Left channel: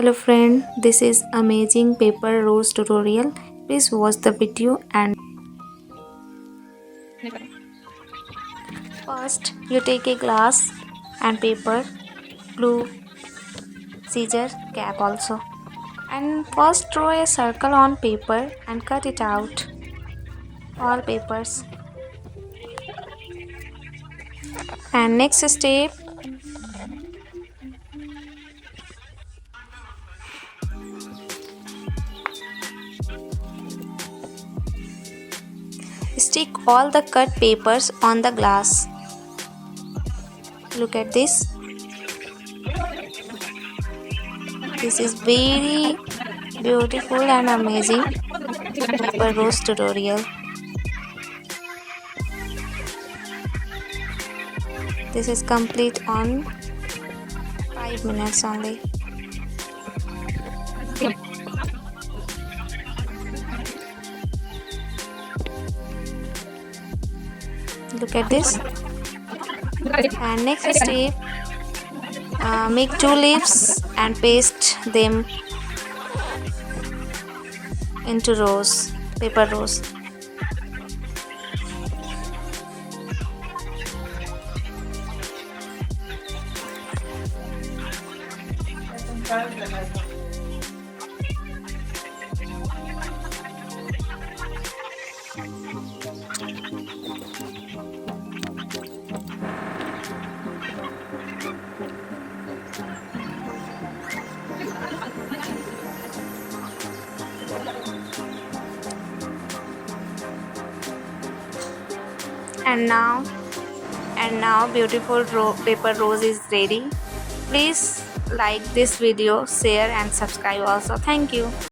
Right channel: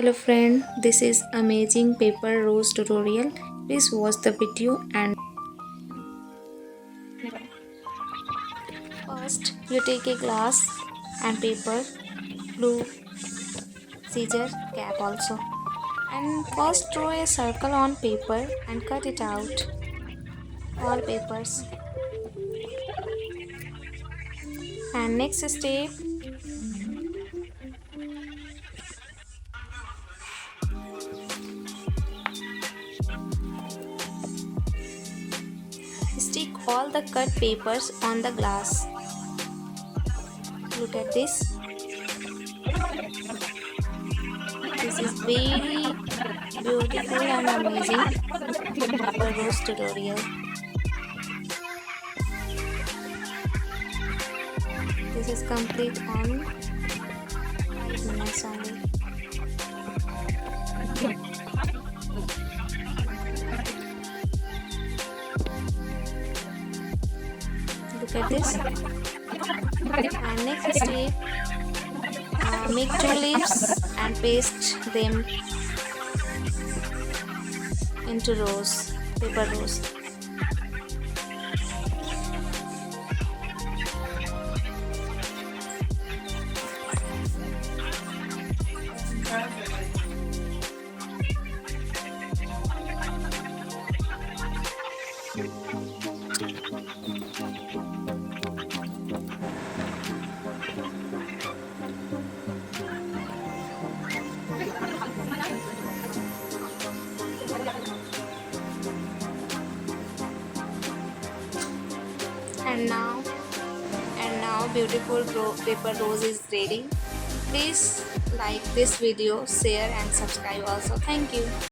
Hello friend, this is amazing paper rose tutorial. Please watch the video and first you take a glass and paper, glue, scissors, cap also. And first draw a circle on paper and cut it out. All papers. And next step, stick all the cut papers on the glass. Look at this. This is very beautiful and amazing paper rose tutorial. This is complete on 5 minutes only. Look at this. And next step, make 2 leaves and paste them into rose, paper rose. And now beautiful paper rose is ready. Please like this video, share and subscribe also. Thank you.